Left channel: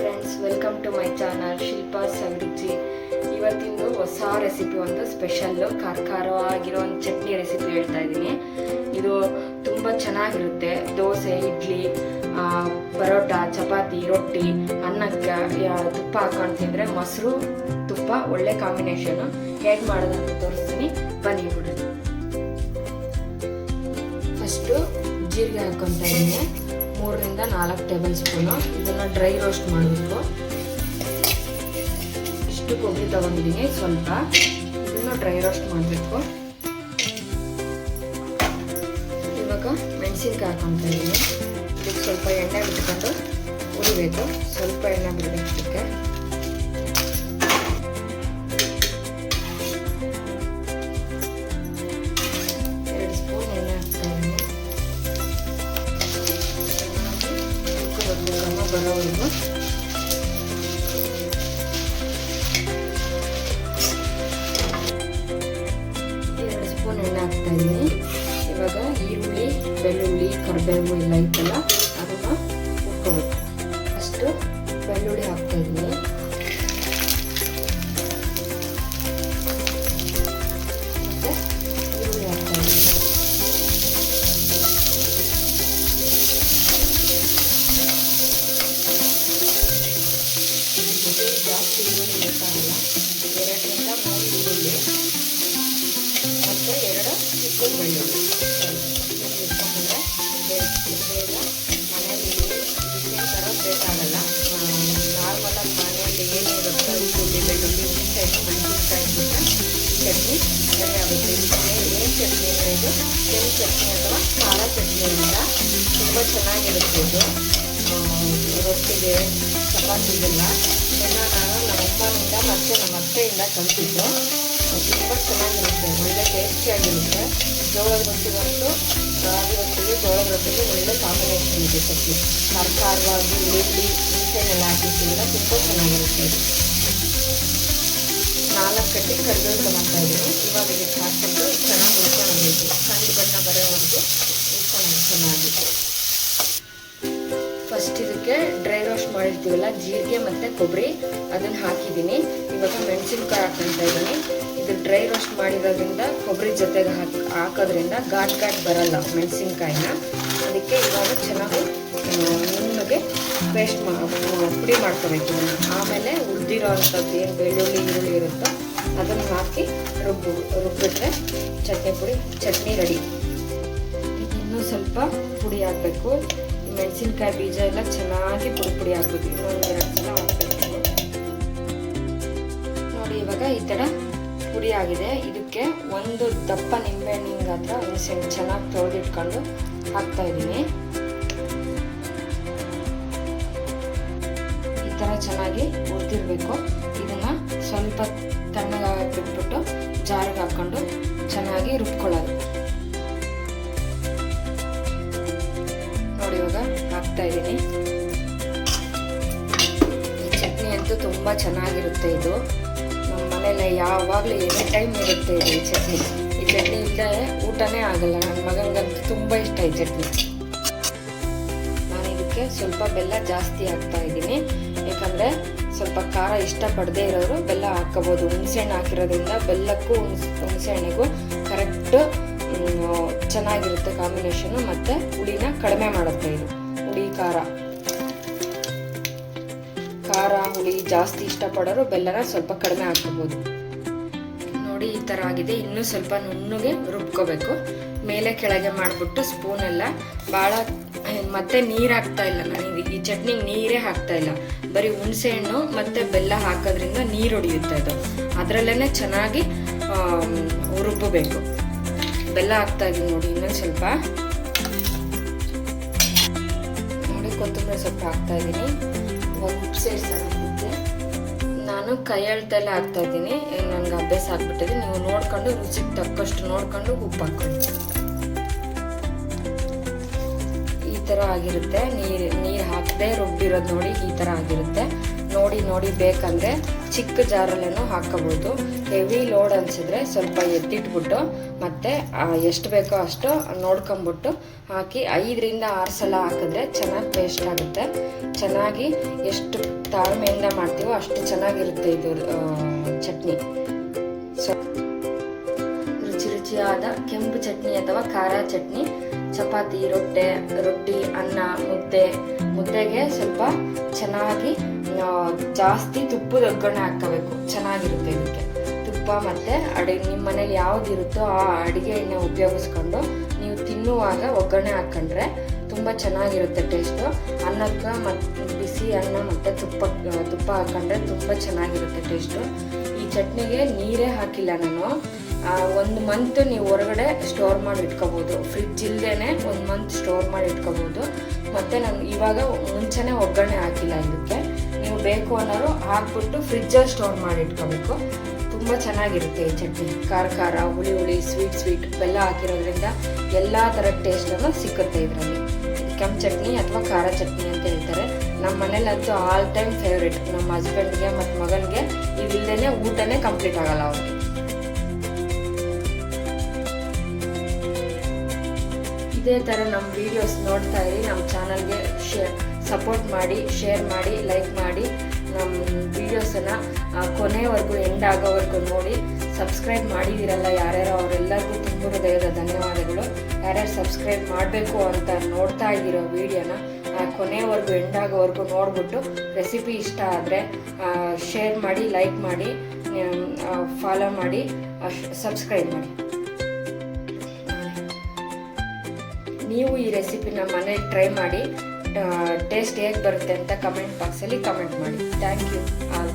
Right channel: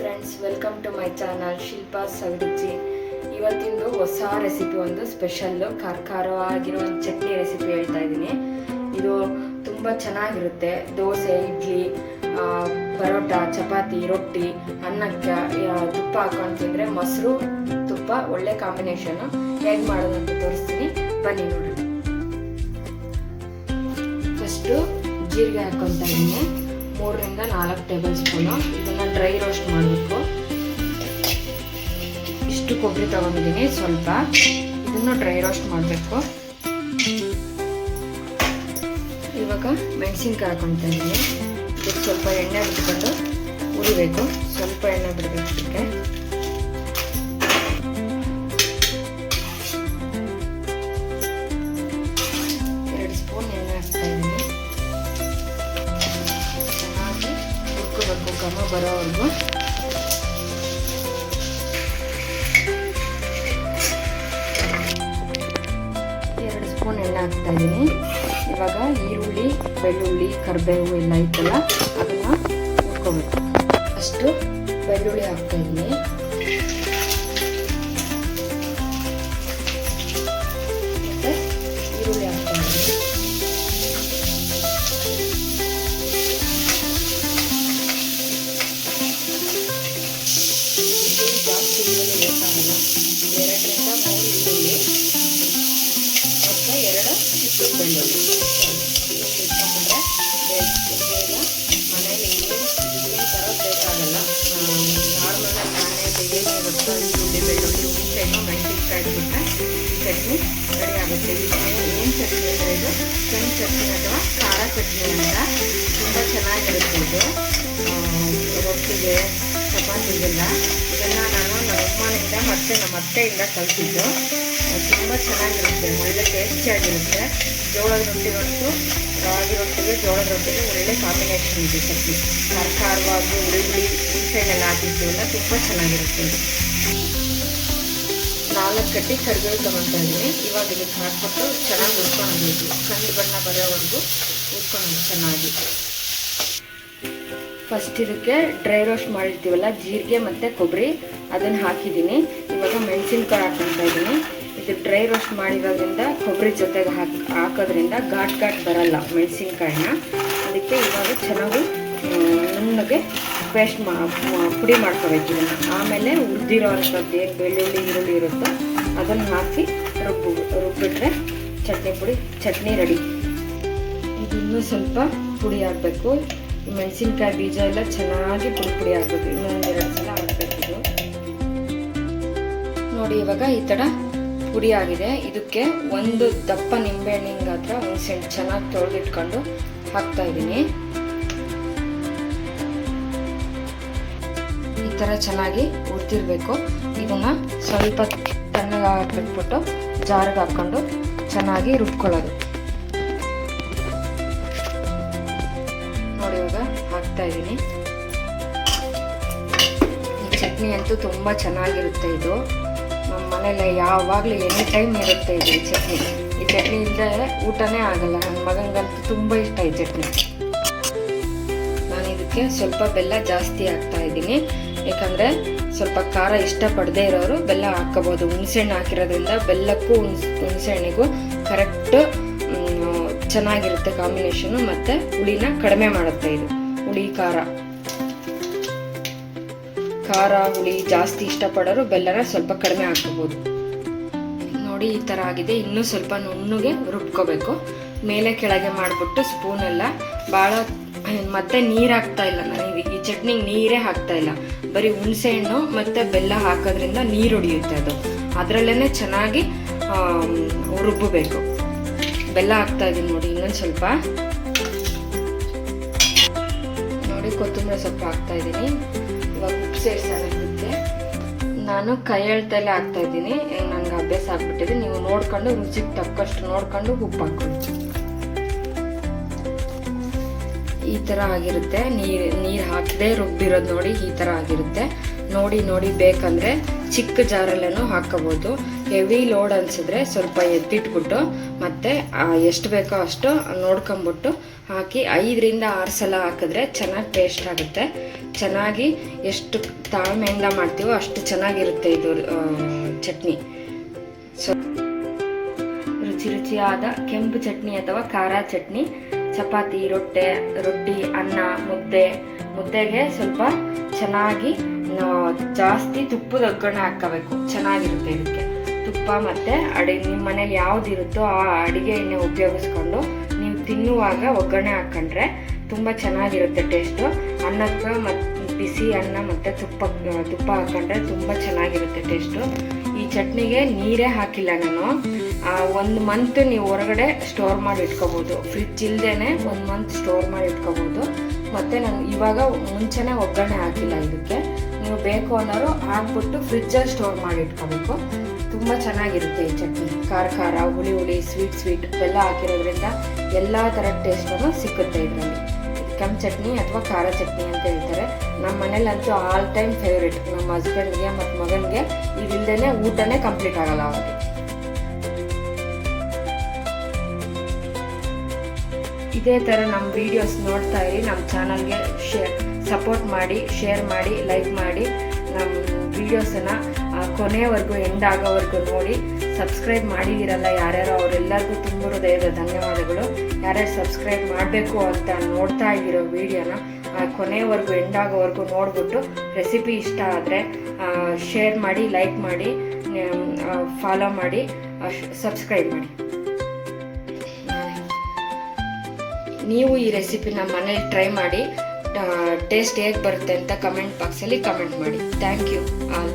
Friends, welcome to my channel Shilpa's Abhiruchi. ಇವತ್ತಿಂದು ಹೊಸ recipe, ಒಂದು ಸ್ಪೆಷಲ್ ಖಾರವಾಗಿರೋ ಒಂದು ಚಟ್ನಿ ರೆಸಿಪಿ ಹೇಳ್ತಾ ಇದ್ದೀನಿ. ಇದು ತುಂಬ ಚೆನ್ನಾಗಿರುತ್ತೆ. ದೋಸೆ, ಇಡ್ಲಿ, ಪರೋಟ, ಚಪಾತಿ, ರೊಟ್ಟಿ, ಅನ್ನಕ್ಕೆ ತುಪ್ಪ ಹಾಕೊಂಡು ತಿಂದರೆ, ಮೊಸರು ತುಪ್ಪ ಒಳ್ಳೆ ಕಾಂಬಿನೇಷನು. ಹೇಗೆ ಮಾಡೋದಂತ ತೋರಿಸ್ತೀನಿ, ಬನ್ನಿ ನೋಡಿ. ಫಸ್ಟು ಜೀರಿಗೆ ಹಾಕ್ಕೊತಾ ಇದ್ದೀನಿ, 3 ರಿಂದ 4 ಟೇಬಲ್ ಸ್ಪೂನು. ಇದನ್ನು ಡ್ರೈ ರೋಸ್ಟ್ ಮಾಡಬೇಕು. ಇಷ್ಟು ಕೊಬ್ಬರಿ ತಗೊಂಡಿದ್ದೀನಿ, ಸ್ವಲ್ಪ ಇದನ್ನು ಡ್ರೈ ರೋಸ್ಟ್ ಮಾಡಬೇಕು. ಇವಾಗ ಮೆಣಸಿನ್ಕಾಯಿ ಹಾಕೊತಾ ಇದ್ದೀನಿ. ಇದಕ್ಕೆ ಸ್ವಲ್ಪ ಎಣ್ಣೆ ಬಿಟ್ಕೊಂಡು ಉರಿಬೇಕು. ಸ್ವಲ್ಪ ಎಣ್ಣೆ ಬಿಡಬೇಕು. ಇದಕ್ಕೆ 2 ಸ್ಪೂನ್ ಎಣ್ಣೆ ಹಾಕ್ತಾ ಇದ್ದೀನಿ. ಕಣ್ಣು ಬರೋವರೆಗೂ ಎರಡು ಸ್ಪೂನ್ ಎಣ್ಣೆ ಹಾಕ್ತಾ ಇದ್ದೀನಿ. ಇವಾಗ ಈರುಳ್ಳಿ, ಬೆಳ್ಳುಳ್ಳಿ, ಕರಿಬೇವು ಎಲ್ಲ ಐತಲ್ಲ, ಅದನ್ನು ಹುರ್ಕೋಬೇಕು. ಅಷ್ಟು ಬೆಳ್ಳುಳ್ಳಿ ಹಾಕ್ತಾ ಇದ್ದೀನಿ. ಮತ್ತೆ ಈರುಳ್ಳಿ ಹಾಕ್ತಾ ಇದ್ದೀನಿ. ಜಾಸ್ತಿ ಈರುಳ್ಳಿ ಬೇಕಾಗಲ್ಲ. 2 ರಿಂದ 3 ಈರುಳ್ಳಿ ಮತ್ತು 2 ಚಿಕ್ಕ ಬೆಳ್ಳುಳ್ಳಿ ಇಟ್ಕೊಂಡ್ರೆ ಬೇಗ ಮನೇಲಿ ಇಡ್ಲಿ ಥರ ಬೇಕಾಗಲ್ಲ. ನಾರ್ಮಲಾಗಿ ಮನೆಯಲ್ಲಿ ಏನಿರುತ್ತೆ ಈರುಳ್ಳಿ, ಬೆಳ್ಳುಳ್ಳಿ, ಹುಣಸೆಹಣ್ಣು, ಮೆಣಸಿನ್ಕಾಯಿ ಬಿಟ್ಟರೆ ಚಟ್ನಿ ರೆಡಿ ಆಗುತ್ತೆ. ಏನು ಚಟ್ನಿ ಅಂದರೆ ಇದು ಕೆಂಪು ಚಟ್ನಿ ಅಥವಾ ಖಾರ ಚಟ್ನಿ ಅಂತ ತುಂಬ ಚೆನ್ನಾಗಿರುತ್ತೆ. ಇದು ರೊಟ್ಟಿಗೆ, ಚಪಾತಿಗೆಲ್ಲ ಇದನ್ನು ನಾನು ನಮ್ಮ ಅಮ್ಮನಿಂದ ಮತ್ತು ನಮ್ಮ ಅತ್ತೆಯಿಂದ ಕಲಿತಿದ್ದು. ತುಂಬ ಚೆನ್ನಾಗಿರುತ್ತೆ, ಒಳ್ಳೆ ಟೇಸ್ಟಿಯಾಗಿರುತ್ತೆ. ಜೋಳದ ರೊಟ್ಟಿಗಂತೂ, ರಾಗಿ ರೊಟ್ಟಿಗೆ, ಜೋಳದ ರೊಟ್ಟಿಗೆ ಒಳ್ಳೆ ಕಾಂಬಿನೇಷನ್ ಇದೆ ಚಟ್ನಿ. ಖಾರವಾಗಿ ಹುಳಿ ಹುಣಸೆಹಣ್ಣೆಲ್ಲ ಹಾಕಿರ್ತೀವಲ್ಲ, ತುಂಬ ಚೆನ್ನಾಗಿರುತ್ತೆ. 4 ಕಟ್ಟಿ ಕರಿಬೇವು ತೊಗೊತಾ ಇದ್ದೀನಿ. ಇವಾಗ ಇದಕ್ಕೆ ಹಾಕ್ಬಿಟ್ಟು ಚೆನ್ನಾಗಿ ಹುರ್ಕೊಂಡ್ಬೇಕು. ಕಂದು ಬಣ್ಣ ಬರೋವರೆಗೂ ಹುರ್ಕೊಂಡು ಚೆನ್ನಾಗಿ. ಫಸ್ಟ್ ಇದಕ್ಕೆ ಡ್ರೈ ರೋಸ್ಟ್ ಮಾಡಿರ್ತೀವಲ್ಲ, ಜೀರಿಗೆ ಮತ್ತು ಕೊಬ್ಬರಿ, ಅದನ್ನು ಹಾಕಿದ್ದೀನಿ. ಇವಾಗ ಮೆಣಸಿನ್ಕಾಯಿ ಹಾಕ್ಕೊತಾ ಇದ್ದೀನಿ. ಇದು ಡ್ರೈ ರೋಸ್ಟ್ ಮಾಡಿರೋದ್ರಿಂದ ಕೊಬ್ಬರಿ ಜೊತೆಗೆ ಹಾಕೋದ್ರಿಂದ ಘಾಟ್ ಬರಲ್ಲ ಮೆಣಸಿನ್ಕಾಯಿನ. ಅದಕ್ಕೆ ಇವಾಗ ಚೆನ್ನಾಗಿ ನುಣ್ಣಗೆ ಪೇಸ್ಟ್ ಪುಡಿ ಮಾಡ್ಕೋಬೇಕು ಇದನ್ನು. ಆಮೇಲೆ ಉದ್ದಿರೋ ಅಂಥದ್ದು ಏನು ಬೆಳ್ಳುಳ್ಳಿ, ಈರುಳ್ಳಿ ಇರುತ್ತೋ ಅದನ್ನು ಹಾಕಿ ರುಬ್ಬಿಟ್ರೆ ಚಟ್ನಿ ರೆಡಿ. ಇದು ಇನ್ನೂ ಸ್ವಲ್ಪ ಪುಡಿ ಹಾಕಬೇಕು. ಈ ಮೆಣಸಿನ್ಕಾಯಿ ಬೀಜ ಎಲ್ಲ ಚೆನ್ನಾಗಿ ಪುಡಿ ಆಗಬೇಕು. ಇನ್ನೂ 2 ಸಲ ಹಾಕಬೇಕು. ನೋಡಿ, ಇವಾಗ ಈ ಥರ ಪುಡಿ ಆಗಿದೆ. ಇದಕ್ಕೆ 1 ದಪ್ಪ ನಿಂಬೆಹಣ್ಣಿನ ಗಾತ್ರ ಹುಣಸೆಹಣ್ಣು ಚೆನ್ನಾಗಿ ತೊಳೆದಿಟ್ಕೊಂಡು ಹಾಕ್ತಾ ಇದ್ದೀನಿ. ಈ ಥರ ಚೆನ್ನಾಗಿ ಹುರಿದಿರಬೇಕು. ಇದನ್ನು ಸ್ವಲ್ಪ ತಣ್ಣಗೆ ಬಿಟ್ಬಿಟ್ಟು ಜಾರಿಗೆ ಹಾಕ್ಕೊಂಡು ಚೆನ್ನಾಗಿ ರುಬ್ಕೊಳ್ಳೋದು. ನೋಡಿ, ಇವಾಗ ಹಾಕ್ತಾ ಇದ್ದೀನಿ. ಈ ಚಟ್ನಿ ಅಂತೂ ತುಂಬ ಚೆನ್ನಾಗಿರುತ್ತೆ. ಇದು ನಮ್ಮ ಮನೇಲಿ ಯಾವಾಗಲೂ ಎನಿ ಟೈಮ್ ಇರುತ್ತೆ ಇದು. ಈ ಚಟ್ನಿ ಇಲ್ಲದೆ ಊಟನೇ ಆಗಲ್ಲ. ನನ್ನ ಮಗನಿಗಂತೂ ತುಂಬ ಇಷ್ಟ ಈ ಚಟ್ನಿ. ನಾನು ಇದಕ್ಕೆ ಸ್ವಲ್ಪ ಬೆಲ್ಲ ಜಾಸ್ತಿ ಹಾಕ್ತಾ ಇದ್ದೀನಿ. ಯಾಕಂದರೆ ಸ್ವಲ್ಪ ಖಾರ ಇಷ್ಟಪಡದೇ ಇರೋರು ಬೆಲ್ಲ ಹಾಕ್ಕೋಬೋದು. ಹುಣಸೆಹಣ್ಣು ಹಾಕಿರೋದ್ರಿಂದ ಬೆಲ್ಲಕ್ಕೂ ಹುಣಸೆಹಣ್ಣಿಗೂ ಕರೆಕ್ಟ್ ಚೆನ್ನಾಗಿರುತ್ತೆ ಕಾಂಬಿನೇಷನು. ಮತ್ತು ಹುಳಿನ ಕಡಿಮೆ ಮಾಡುತ್ತೆ ಇದು. ಹುಳಿ ಖಾರ ಹುಳಿ ಜಾಸ್ತಿ ಇಷ್ಟಪಡೋರು ಬೆಲ್ಲನ ಸ್ವಲ್ಪ ಕಡಿಮೆ ಹಾಕ್ಕೋಬೋದು. ನೋಡಿ, ಈ ಥರ ಆಗಿದೆ. ಇನ್ನೂ ಸ್ವಲ್ಪ ನುಣ್ಣಗೆ ರುಬ್ಕೋಬೇಕು. ಮೇಲೆ ಕೆಳಗೆ ಮಾಡಿಬಿಟ್ಟು ಸ್ಪೂನೆಲ್ಲ ಭಾಳ ಮತ್ತೆ ನೀರು ಹಾಕ್ತಾ ಇಲ್ಲ ನಾನು. ಈ ಚಟ್ನಿಗೆ ನೀರೇ ಹಾಕ್ತಾ ಇಲ್ಲ. ಬರೀ ಹುಣಸೆಹಣ್ಣು ಮತ್ತು ಬೆಲ್ಲ ಹಾಕೋದ್ರಿಂದ ನೀರು ಹೊಡಿಯುತ್ತೆ ಅದು. ಅದರಲ್ಲೇ ಚೆನ್ನಾಗಿ ರುಬ್ಬಬೇಕು. ಬೆಲ್ಲ ಹಾಕ್ತಾ ಇದ್ದೀನಿ ನೋಡಿ. ಇನ್ನೊಂದು ಸ್ವಲ್ಪ ನೋಡಿ, ಕೊತ್ತಂಬರಿ ಸೊಪ್ಪು ಹಾಕ್ತಾ ಇದ್ದೀನಿ. ಇವಾಗ ಉಪ್ಪು ಸೇರಿಸೋದಕ್ಕೆ ನಾನು ಕೈ ಎಳ್ತಲ್ಲೇ ಹಾಕ್ತಾ ಇದ್ದೀನಿ. ನನಗೆ ಅಭ್ಯಾಸ ಆಗ್ಬಿಟ್ಟಿದೆ. ನೀವು ನೋಡ್ಕೊಂಡು ರುಚಿಗೆ ತಕ್ಕಷ್ಟು ನೋಡ್ಕೊಂಡು ಉಪ್ಪು ಹಾಕ್ಕೊಳ್ಳಿ. ಈ ಥರ ಆಗಿರುತ್ತೆ. ನೀರು ಹಾಕದೆ ರುಬ್ಬಿರೋದು ನೋಡಿ, ಈ ಥರ ಆಗಿರುತ್ತೆ. ನೋಡಿ ಬೇಕಂದರೆ ಚಿಕ್ಕ ಜಾರಲ್ಲೂ ಹಾಕೋಬೋದು. ಹೆವಿ ಲೋಡ್ ಅನಿಸಿದ್ರೆ ಸ್ವಲ್ಪ ಎತ್ತಿಟ್ಬಿಟ್ಟು ಮತ್ತೆ ಎಷ್ಟು ಬೇಕೋ ಅಷ್ಟು ನೋಡ್ಕೊಂಬಿಟ್ಟು ಹಾಕಿ 5ರಿಂದ 6 ಸಲ ಹಾಕಿದ್ರೆ ಚೆನ್ನಾಗಿ ಟೇಸ್ಟ್ ಆಗುತ್ತೆ. ಚೆನ್ನಾಗಿ ಎಷ್ಟು ತಾಳ್ಮೆಯಿಂದ ಮಾಡ್ತೀವೋ ಅಷ್ಟು ಚೆನ್ನಾಗಿರುತ್ತೆ ಇದು ಚಟ್ನಿ. ರುಚಿಯಾದ ಕೆಂಪು ಚಟ್ನಿ ಅಥವಾ ಖಾರ ಚಟ್ನಿ ಚಪಾತಿ, ರೊಟ್ಟಿ, ಅನ್ನ, ಮುದ್ದೆಗೆ ಸ್ವಲ್ಪ ಚೆನ್ನಾಗಿ ಜಾಸ್ತಿ ತುಪ್ಪದ ಒಗ್ಗರಣೆ ಹಾಕಬೇಕು. ಚೆನ್ನಾಗಿರುತ್ತೆ ಇದಕ್ಕೆ. ತುಪ್ಪ ಮತ್ತು ನಿಮ್ಮ ಮನೇಲಿ ಯಾವುದಿರುತ್ತೋ ಆ ಅಡುಗೆ ಎಣ್ಣೆ ಉಪಯೋಗಿಸ್ಕೊಂಡು ನೀವು ತಿನ್ನುವಾಗ ಒಗ್ಗರಣೆ ಹಾಕ್ಕೊಂಡ್ರೆ ತುಂಬ ಚೆನ್ನಾಗಿರುತ್ತೆ ಟೇಸ್ಟು. ಅನ್ನಕ್ಕೆ ಮತ್ತು ಬಿಸಿ ಅನ್ನ ಮತ್ತು ತುಪ್ಪ ಹಾಕ್ಕೊಂಡ್ರೆ ತುಂಬ ಚೆನ್ನಾಗಿರುತ್ತೆ ಟೇಸ್ಟು. ಈ ಚಟ್ನಿಗೆ ನೀರೇ ಹಾಕಿಲ್ಲ ನಾನು. 1 ಮಂತ್ ನೀವು ಹೊರಗಡೆ ಸ್ಟೋರ್ ಮಾಡಿ ಇಟ್ಕೋಬೋದು. ಫ್ರಿಡ್ಜ್ ಇಲ್ಲದೇ 1 ಮಂತ್ ಸ್ಟೋರ್ ಮಾಡಿ ಇಟ್ಕೋಬೋದು. ಮತ್ತು ನಾನು ಇವಾಗ ಮುಂಚೆನೇ ಒಗ್ಗರಣೆ ಹಾಕಿಲ್ಲ ಇದಕ್ಕೆ. ನೀವು ಬೇಕು ಅನ್ನೋರು ಹಾಕ್ಬಿಟ್ಟು ಫ್ರಿಜ್ಜಲ್ಲಿ ಸ್ಟೋರ್ ಮಾಡಿ ಇಟ್ಕೋಬೇಕು. ತುಂಬ ಚೆನ್ನಾಗಿರುತ್ತೆ ಈ ಚಟ್ನಿ. ಖಾರ, ಹುಳಿ, ಸ್ವೀಟ್ ಬೆಲ್ಲ ಹಾಕಿರೋದ್ರಿಂದ ಎಲ್ಲ ಥರದ ಟೇಸ್ಟನ್ನು ಸಿಕ್ಕುತ್ತೆ ಇದರಲ್ಲಿ. ಕೆಂಪು ಚಟ್ನಿ ಅಥವಾ ಖಾರ ಚಟ್ನಿ ಅಂತ ಹೇಳ್ತಾರೆ. ನಮ್ಮ ಮನೇಲಂತೂ ಆಲ್ ಟೈಮ್ ಫೇವ್ರೇಟ್. ನಮ್ಮ ಹಸ್ಬೆಂಡ್ಗೆ ಮತ್ತು ಮಗನಿಗೆ ಇದಿಲ್ಲದೇ ಊಟನೇ ಕಂಪ್ಲೀಟ್ ಆಗಲ್ಲ ಅವ್ರಿಗೆ. ಇದೇ ಥರ ನಮ್ಮ ವಿಡಿಯೋಸ್ ನೋಡ್ತಾ ಇರಿ. ನಮ್ಮ ಚಾನಲ್ಗೆ ಸಪೋರ್ಟ್ ಮಾಡಿ, ಶೇರ್ ಮಾಡಿ, ಲೈಕ್ ಮಾಡಿ. ನಮ್ಮ ವಿಡಿಯೋಸನ್ನು ಕೊನೆಯವರೆಗೂ ಎಂಡ್ ಆಗೋವರೆಗೂ ನೋಡಿ. ಸಬ್ಸ್ಕ್ರೈಬ್ ಮಾಡಿದಿರಲ್ಲ ಯಾರ್ಯಾರು ಅವರೆಲ್ಲರಿಗೂ ತುಂಬ ಹೃದಯದ ಧನ್ಯವಾದಗಳು. ಯಾರ್ಯಾರು ಸಬ್ಸ್ಕ್ರೈಬ್ ಮಾಡಬೇಕು ಅಂತ ನೋಡ್ತಾ ಇದ್ದೀರೋ ವಿಡಿಯೋನ ಕೊನೆಯವರೆಗೂ ಎಂಡ್ ಆಗೋವರೆಗೂ ನೋಡಿಬಿಟ್ಟು ರೆಸಿಪಿ ಇಷ್ಟ ಆದರೆ ಶೇರ್ ಮಾಡಿ, ಲೈಕ್ ಮಾಡಿ, ಫಾಲೋ ಮಾಡಿ, ಸಬ್ಸ್ಕ್ರೈಬ್ ಮಾಡಿ. ನೀವು ಈ ರೆಸಿಪಿನ ಮನೇಲಿ ಟ್ರೈ ಮಾಡಿ. ಟೇಸ್ಟ್ ಹೇಗೆ ಬರುತ್ತೆ ಅಂತ ಕಮೆಂಟ್ ಬಾಕ್ಸಲ್ಲಿ ಕಮೆಂಟ್ ಮಾಡಿ. Thank you all.